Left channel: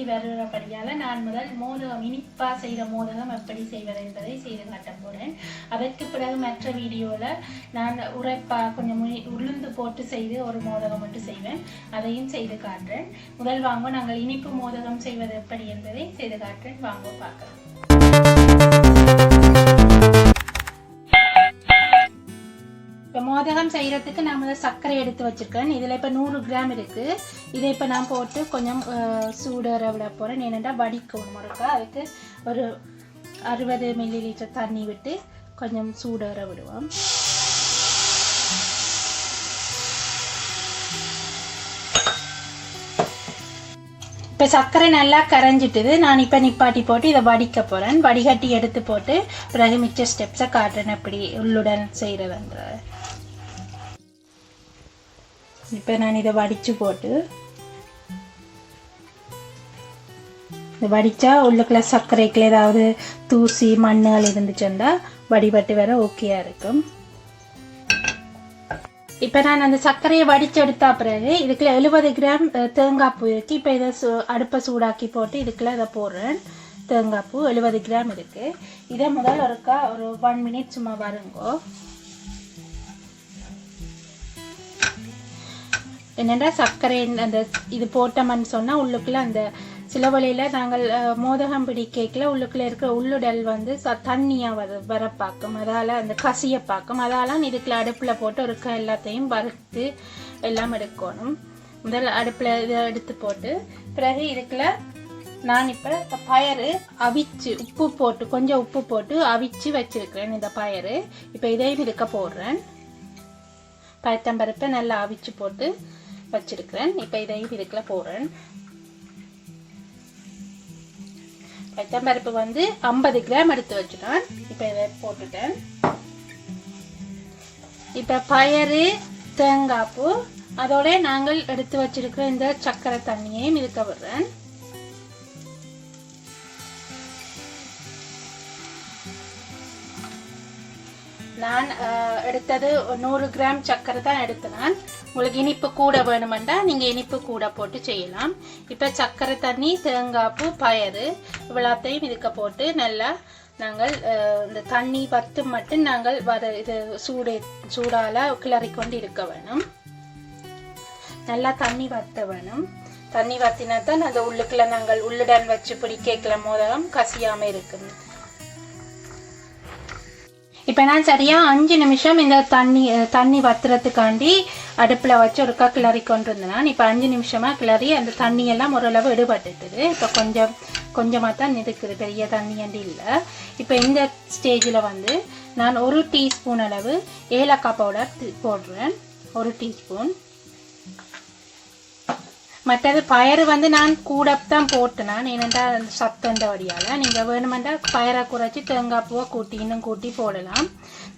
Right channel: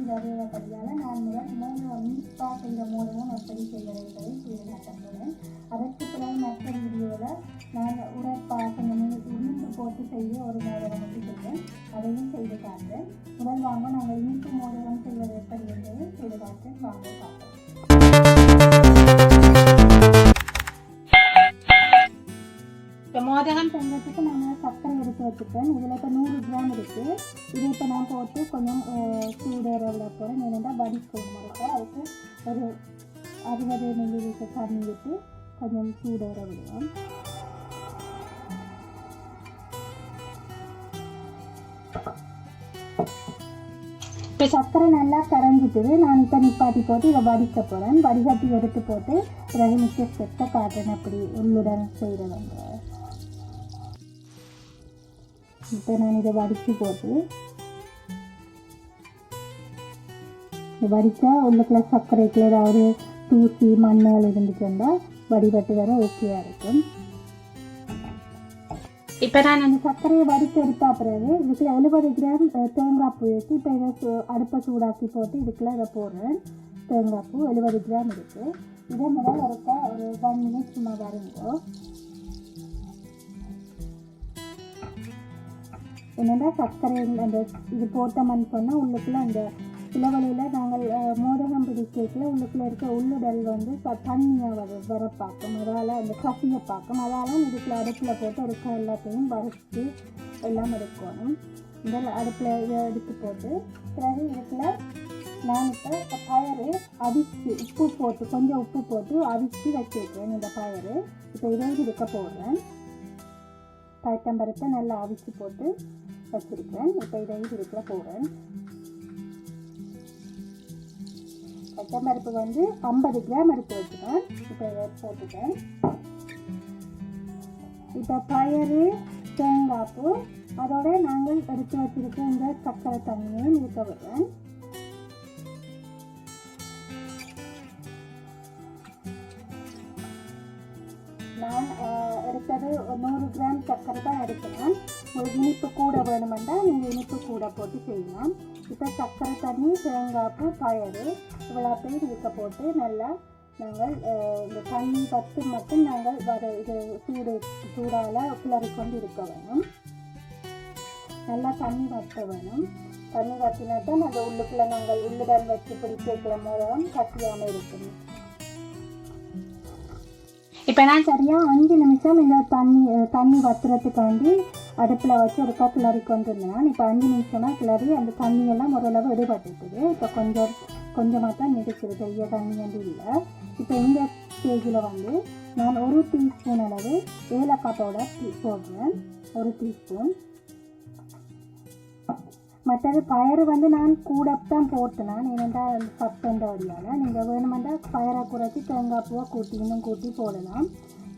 சுற்றி வருகிறபடியால் நான் முதல் மோதகம் இனிப்பாக செய்கிற மோதகம் எப்படி செய்வது என்பதை செய்து காட்ட போகிறேன். அதற்கு பிறகு மற்ற வீடியோவில் நான் உரைப்பாக கொஞ்சம் உளுந்து போட்டு செய்து ஒரு மோதகம் மட்டும் செய்வேன், அதையும் செய்து காட்டுறேன். முதல் வாங்க நாங்கள் இனிப்பு மோதகம் செய்வது எப்படி என்பதை செய்து காட்டுறேன். வாங்க பார்க்கலாம். இப்போ மோதகம் செய்கிறதுக்கு நான் சர்க்கரை எடுத்து வச்சுருக்கேன். இதில் இப்போ 100 கிராம் இருக்குது. இதை இப்போ நான் போட்டு கொஞ்சம் சூடற விட போகிறேன். ஏனென்றால் வடிக்கணும் முறைக்கா. அதுக்கு ஒரு 60 மில்லிலிட்டர் தண்ணி விட்டு கொஞ்சம் சூடற விடுவோம். இப்போ சர்க்கரை நல்லா கரைஞ்சிட்டுது. நான் இப்போ நிப்பாட்டி போட்டு இதை வடிக்க போகிறேன். வடிகட்டி எடுத்து போட்டு பிறகு மிச்ச ஸ்டெப்ஸை காட்டுறேன் எப்படி உள்ளுடன் செய்கிறதுன்ற. இப்போ நான் இதை வடித்து போட்டு இதை வடித்தா உள்ளுக்குள்ள சர்க்கரைக்குள்ள ஏதாவது தூசி மண்ணுகள் இருந்துச்சுன்னா வடிபட்டு வர ஓகேயா இருக்கும். இப்போ நான் அந்த சர்க்கரையை வடித்து எடுத்தா பிறகு இதுக்குள்ள 70 கிராம் தேங்காய் பூ இருக்குது. இப்போ இதை அடுப்பை சூடாக்கி போட்டு இதுக்குள்ள இதை போடுறேன். தேங்காய் பூ 70 கிராம் இருக்குது. இதை முதல் ஒரு 1 மினிட் சும்மா வருங்கோ. என்னென்னா சர்க்கரை அந்த இது போட்டோம்னு சொன்னால் உள்ளுக்குள்ளே அந்த சில வழியில் நாங்கள் மோதகம் பிடிக்கல உள்ளுக்குள்ளே இருக்கிற உள்ளுடல் வந்து தண்ணியாக வர பார்க்கும். அதால் அந்த கசியை பார்க்கும். அதால் இதுக்குள்ள அடுப்பில் போட்டு இருக்க எல்லாத்தையும் வறுத்து எல்லாம் எடுக்கணும். முதல் அடுப்பில் இதை எடுத்து போட்டு பிறகு இதுக்குள்ள நான் இப்போ பயறு அவிச்சு உப்பு போட்டு கொஞ்சம் உப்பு போட்டு அவிச்சு வச்சுருக்கிறேன். இந்த பயறு இப்போ இதையும் இருக்க போடுறேன். பயத்தம்பருப்பை நல்லா அவிச்சு போட்டு வச்சிருக்கிறேன். இப்போ இதையும் இதுக்குள்ள போடுறேன். பயத்தம்பருப்பு வந்து 50 கிராம் எடுத்து வச்சுட்டேன். இப்போ இதை போட்டுட்டேன். இப்போ பயறு தேங்காய் பூ அதோட நாங்கள் எடுத்து வச்சிருக்கிற இந்த சர்க்கரை தண்ணியையும் இதுக்க விடுறேன். நான் எடுத்தது 100 கிராம் சர்க்கரை தான் எடுத்தேன். உங்களுக்கு இனிப்பு கூட வேணுமெண்டா நீங்கள் இனிப்பு கூட போட்டு செய்யலாம். இப்போ சர்க்கரை தண்ணி தேங்காய் பூ பயறு இவ்வளோத்தையும் இதுக்க போட்டு நல்லா நாங்கள் இந்த தண்ணி பத்து மட்டும் நாங்கள் இது சூடால் கிளறி கொண்டு இருக்க வேணும். நல்லா தண்ணி வற்ற வேணும். தண்ணி வற்றினா தான் அந்த உள்ளுக்குள்ள நாங்கள் உள்ளுடன் வச்சு பிடிக்கல மோதகம் கசியாமல் இருக்கும். இப்போ நான் சரியாக 5 நிமிஷம் இந்த தண்ணி வத்துறதுக்காண்டி அடுப்பில் வச்சு ஒருக்கா கிளறி கொண்டு இருந்தேன். இப்போ 5 நிமிஷமாக கிளறி அந்த தண்ணியெல்லாம் ஓரளவு எடுபட்டுட்டுது. இப்போ கொஞ்சமாக தான் இருக்குது, பெரிய தண்ணி அண்டி இல்லை. இப்போ இந்த ஸ்டேஜில் வந்து நான் 1 டீஸ்பூன் அளவு ஏலக்காய் பவுடர் போடுறேன். 1 டீஸ்பூன். மற்றது பயறு வந்து நான் கூட தான் போட்டேன். ஏனென்றால் அந்த சத்தந்த வழியால் நீங்கள் வேணுமெண்டா பயரை குறைச்சி தேங்காய் பூவை இன்னும் கூட்டி போடலாம்.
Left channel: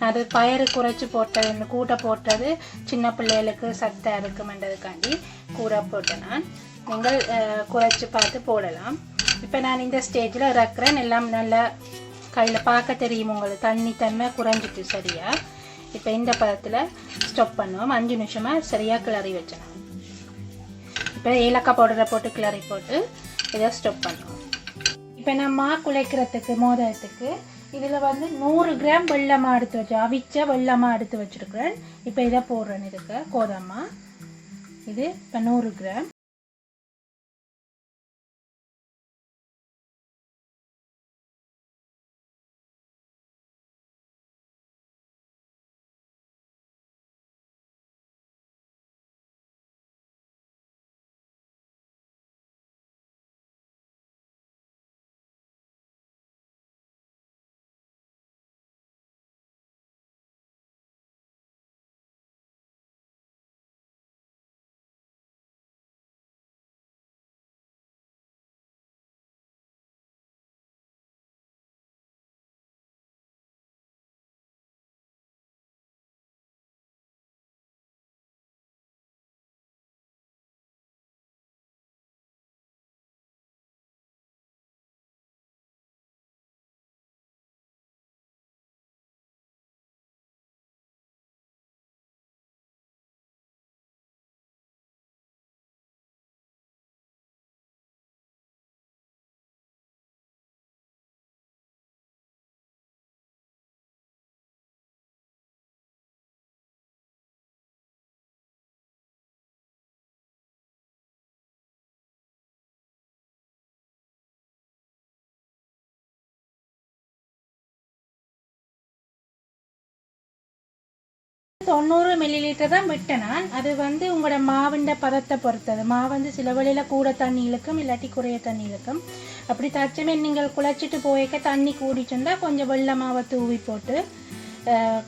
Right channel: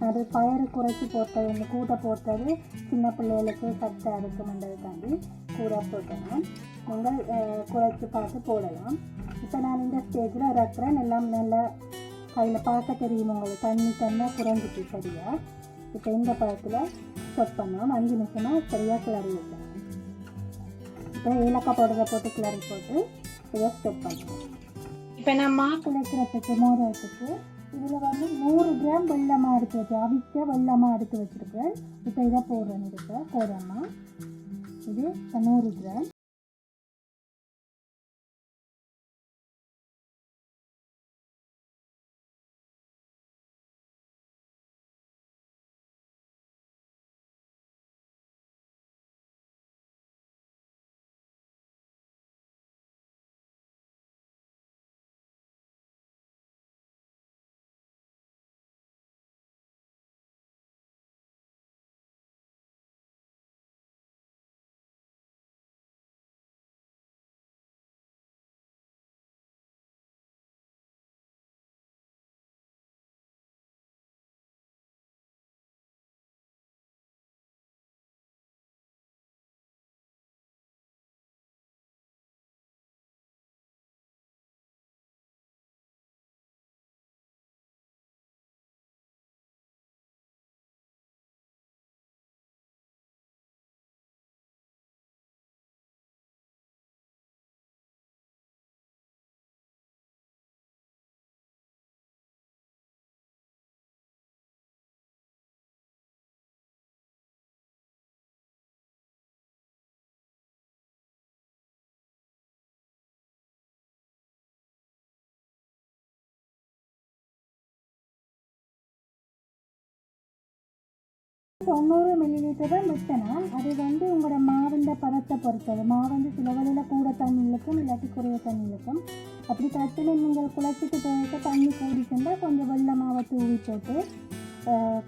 அது பயறு குறைச்சி போட்டது கூட்ட போட்டது சின்ன பிள்ளைகளுக்கு சத்தம் இருக்குமென்றதுக்காண்டி கூட போட்டேன். நீங்கள் குறைச்சி பார்த்து போடலாம். இப்போ நான் இந்த ஸ்டேஜில் இறக்குறேன். எல்லாம் நல்லா கையில் பார்க்க தெரியும் உங்களுக்கு தண்ணி தன்மை குறைஞ்சிட்டு சரியா. இப்போ இந்த பதத்தில் ஸ்டாப் பண்ணுவோம். 5 நிமிஷமாக சரியாக கிளறி வச்சேன். இப்போ ஏலக்காய் பவுடரை போட்டு கிளறி போட்டு இதை ஸ்டாப் பண்ணுவோம். இப்போ நான் குழைக்கிறதுக்கு மோதகத்துக்கு இதில் வந்து 100 கிராம் வெள்ளமாக எடுத்து வச்சு அவிச்ச வெள்ளமாக எடுத்து வச்சுருக்கிறேன். இப்போ இதை போடுறேன். இதுக்கு கோதம்மா இது இப்போ 100 கிராம். 90 மில்லிலிட்டர் தான் விட்டேன் நான். அது வந்து உங்களோட மாவிண்ட பதத்தை பொறுத்தது. மாவு வந்து சில வழியில் கூட தண்ணி இழுக்கும், இல்லாட்டி குறைய தண்ணி இழுக்கும். அப்படி தச்சுமே நீங்கள் குழச்சிட்டு போய்க்க தண்ணி கூடிச்சுருந்தா கொஞ்சம் வெள்ளை மாவை தூவி போட்டு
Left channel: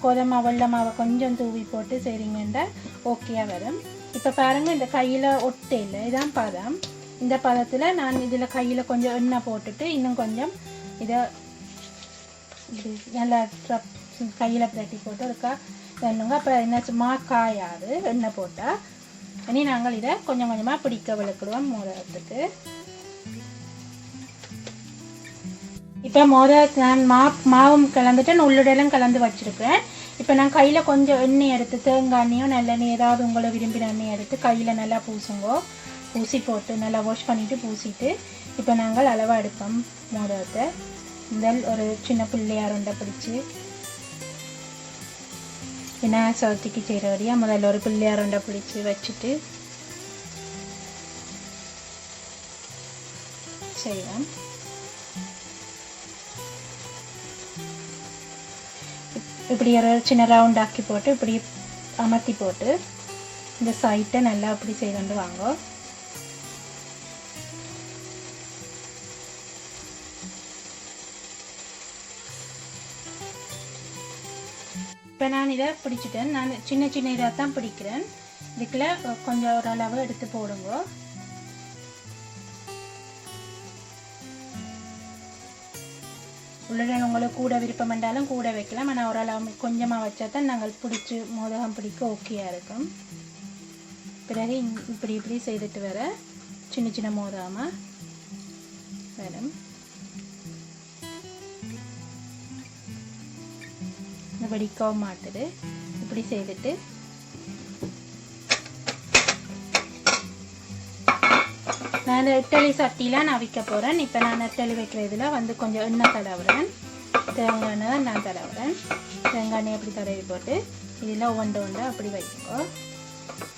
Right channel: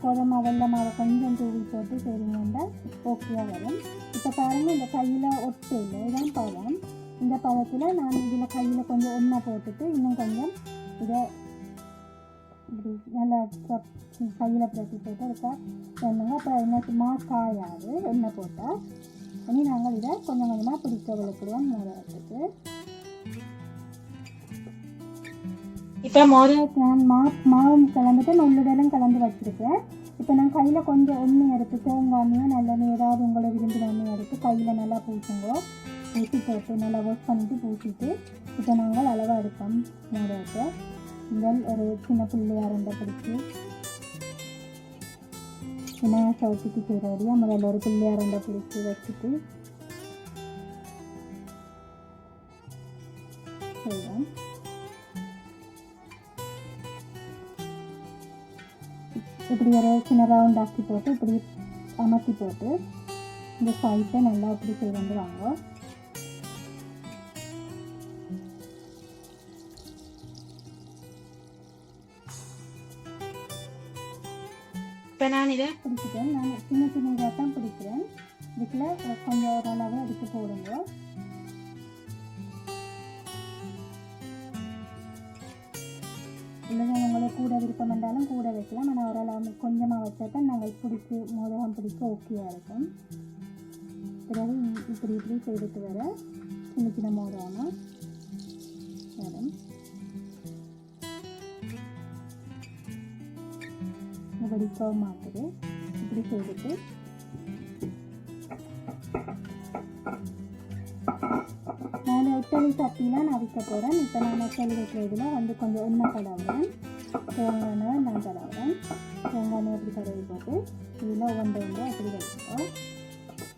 கோதுமை வெள்ளை மாவை கொஞ்சம் தூவி போட்டு செய்கிறீங்கன்னா ஓகேயாக வரும். இப்போ பாருங்கள், இந்த கையில் ஒட்டை இல்லை, இதான் பதம். இந்த பதத்தில் நான் இதில் கையில் கொஞ்சம் எண்ணெய் போட்டுட்டு இன்னும் கொஞ்சம் இதை இது நல்லா கையில் பிரட்டி போட்டு இருக்கா வேணுங்க. அப்போ என்ன காயாது எண்ணெய் போட்டால். இனி நாங்கள் இதை கொஞ்சம் கொஞ்சமாக பிடிக்க விளக்கிடுவோம் மோதிரத்துக்கு. இப்போ நான் மாவும் கலந்துட்டு உள்ளுடையெல்லாம் கலந்து வச்சுருக்கேன். இப்போ நான் கையில் கொஞ்சம் எண்ணெய் எடுத்து தேங்காய் எண்ணெயோ நல்லெண்ணெய் ஏதாவது உங்களை விரும்பின எண்ணெய் எடுத்து கையில் நல்லா பூசுங்கோ. பூசி போட்டு நல்லா வாஷ் பண்ணிவிட்டு பூசிட்டு இப்போ நாங்கள் அளவாக எடுப்போம் மோதிரத்தை. முதல் ஒரு சின்ன பிள்ளையார் உண்டை பிடிச்சி விநாயகர் சதுர்த்திக்கு செய்கிற வழியாக முதல்ல ஒரு பிள்ளையார் உண்டை பிடிச்சி வச்சுட்டு செய்வோம். இப்படி ஒரு சின்ன ரவுண்ட் ஆக்கி போட்டு இப்படி அமர்த்தி போட்டு இந்த சைட்டை நல்லா அப்படி செய்து வாங்க. இப்போ நான் இதை பிடிச்சிட்டேன். நான் சின்ன சின்ன இதாக தான் பிடிக்கிறேன். இதுக்குள்ள கொஞ்சம் ஓரளவு எடுத்து போடுங்க. உள்ளே உங்களுக்கு கூட விருப்பம் என்றாலும் கூட வைக்கலாம். ஆனால் ஓரளவு கொஞ்சமாக வச்சா தான் நாங்கள் பிடிச்சி மோதகம் பிடிக்க ஓகேயாக இருக்கும். பிறகு இப்படி இப்படி செய்துட்டு வர சின்ன சின்ன மோதகமாக வரும். வெடிக்கவும் மாட்டுது. இப்படி செய்துட்டு நான் இட்டலி சட்டிலாம் நான் வைக்க போகிறேன். இப்போ நான் இட்டலி வைக்கிறதுல வந்து கொஞ்சம் எண்ணெய் தடவுறேன். தேங்காய் எண்ணெய் தான் நான் தடவுறேன். தேங்காய் எண்ணெய் அப்படி தடவி போட்டு இதில் ஒன்று அப்படி வைப்போம்.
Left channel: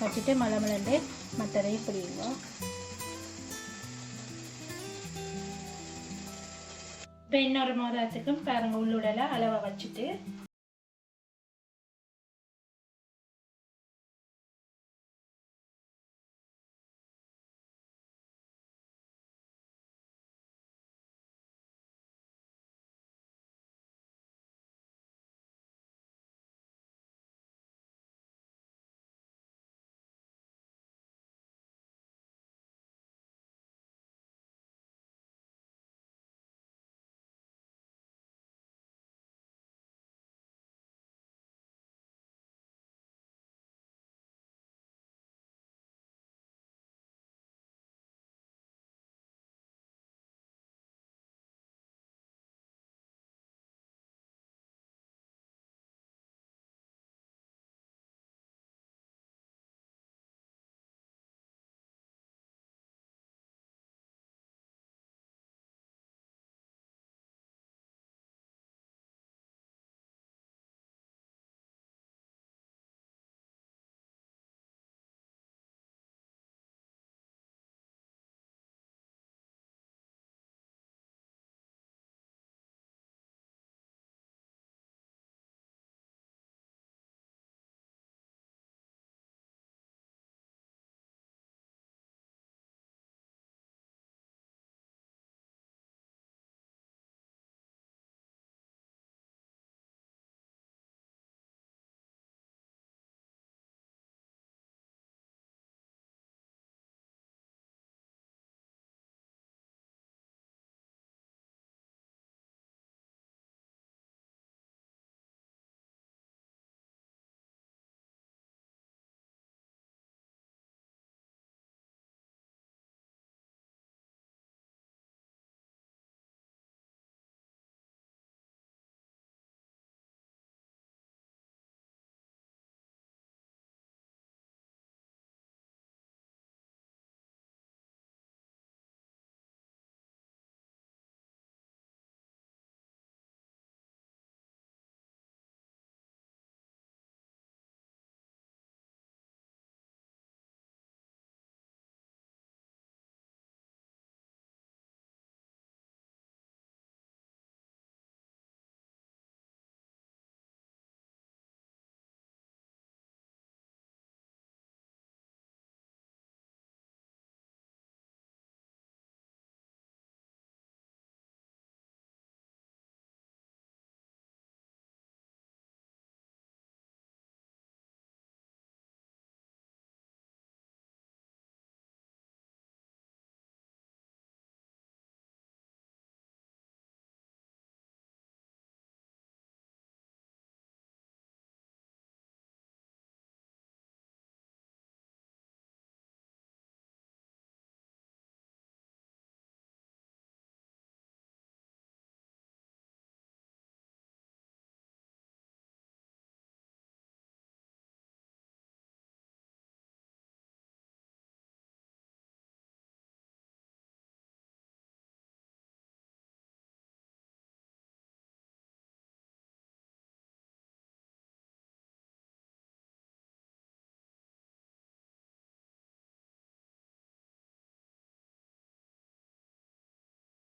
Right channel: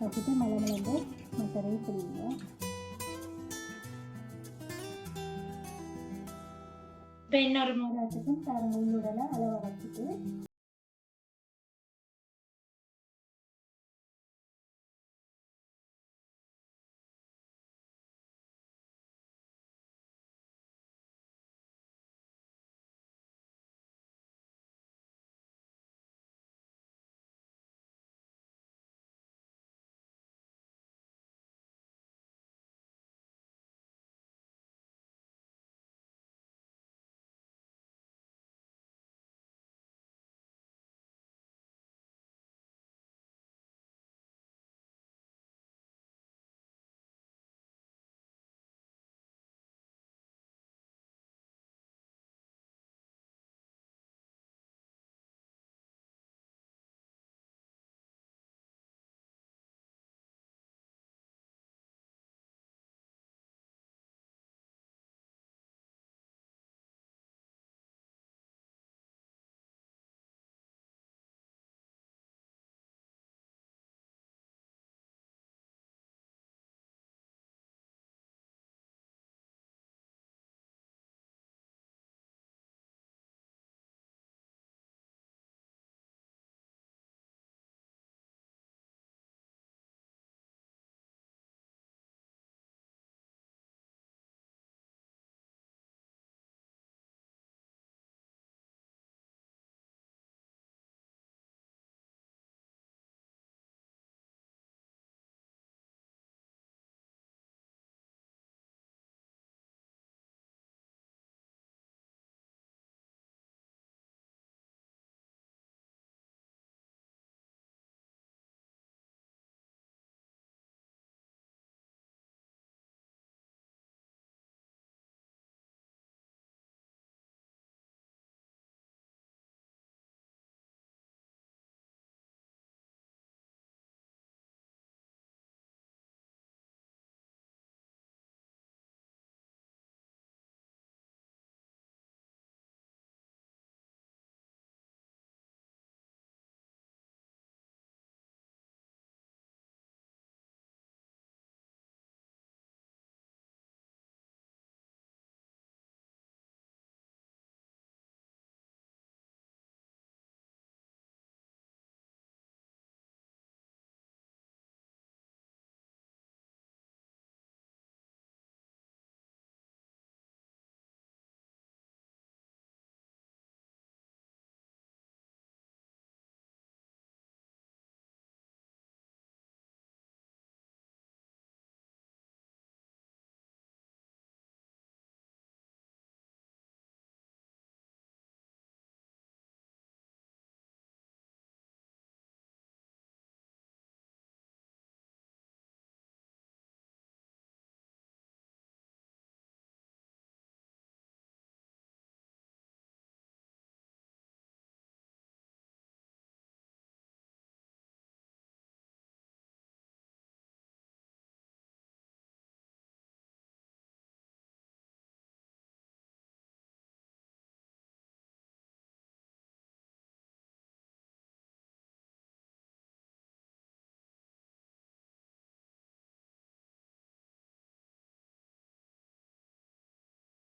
வச்சுட்டு மலமலண்டு மற்றதையும் பிடிங்க. இப்போ இன்னொரு மோதிரத்துக்கும் பாருங்கள் உள்ளுடலை அளவை வச்சுட்டு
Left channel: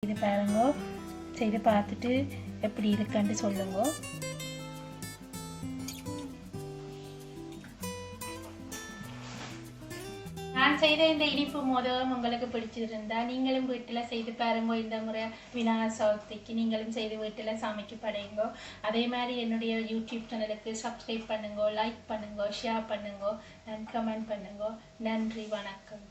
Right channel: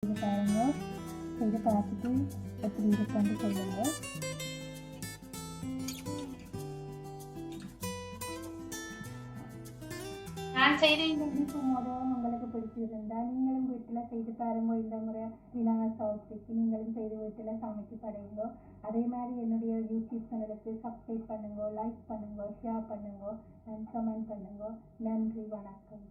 இது பாருங்க, செய்து பார்த்துட்டு எப்படி இருக்குன்னு சொல்லுங்க. நான் செய்த இந்த இனிப்பு மோதகம் உங்களுக்கு பிடிச்சிருந்தா நீங்களும் வீட்டில் செய்து பாருங்க. இந்த முறை விநாயகர் சதுர்த்திக்கு நீங்களும் செய்து வீட்டில் சமைக்க படையுங்க. அதே மாதிரி என்னுடைய யூடியூப் சேனலுக்கு சப்ஸ்கிரைப் பண்ணுங்க, லைக் பண்ணுங்க, ஷேர் பண்ணுங்க, கமெண்ட் பண்ணுங்க. நன்றி, வணக்கம்.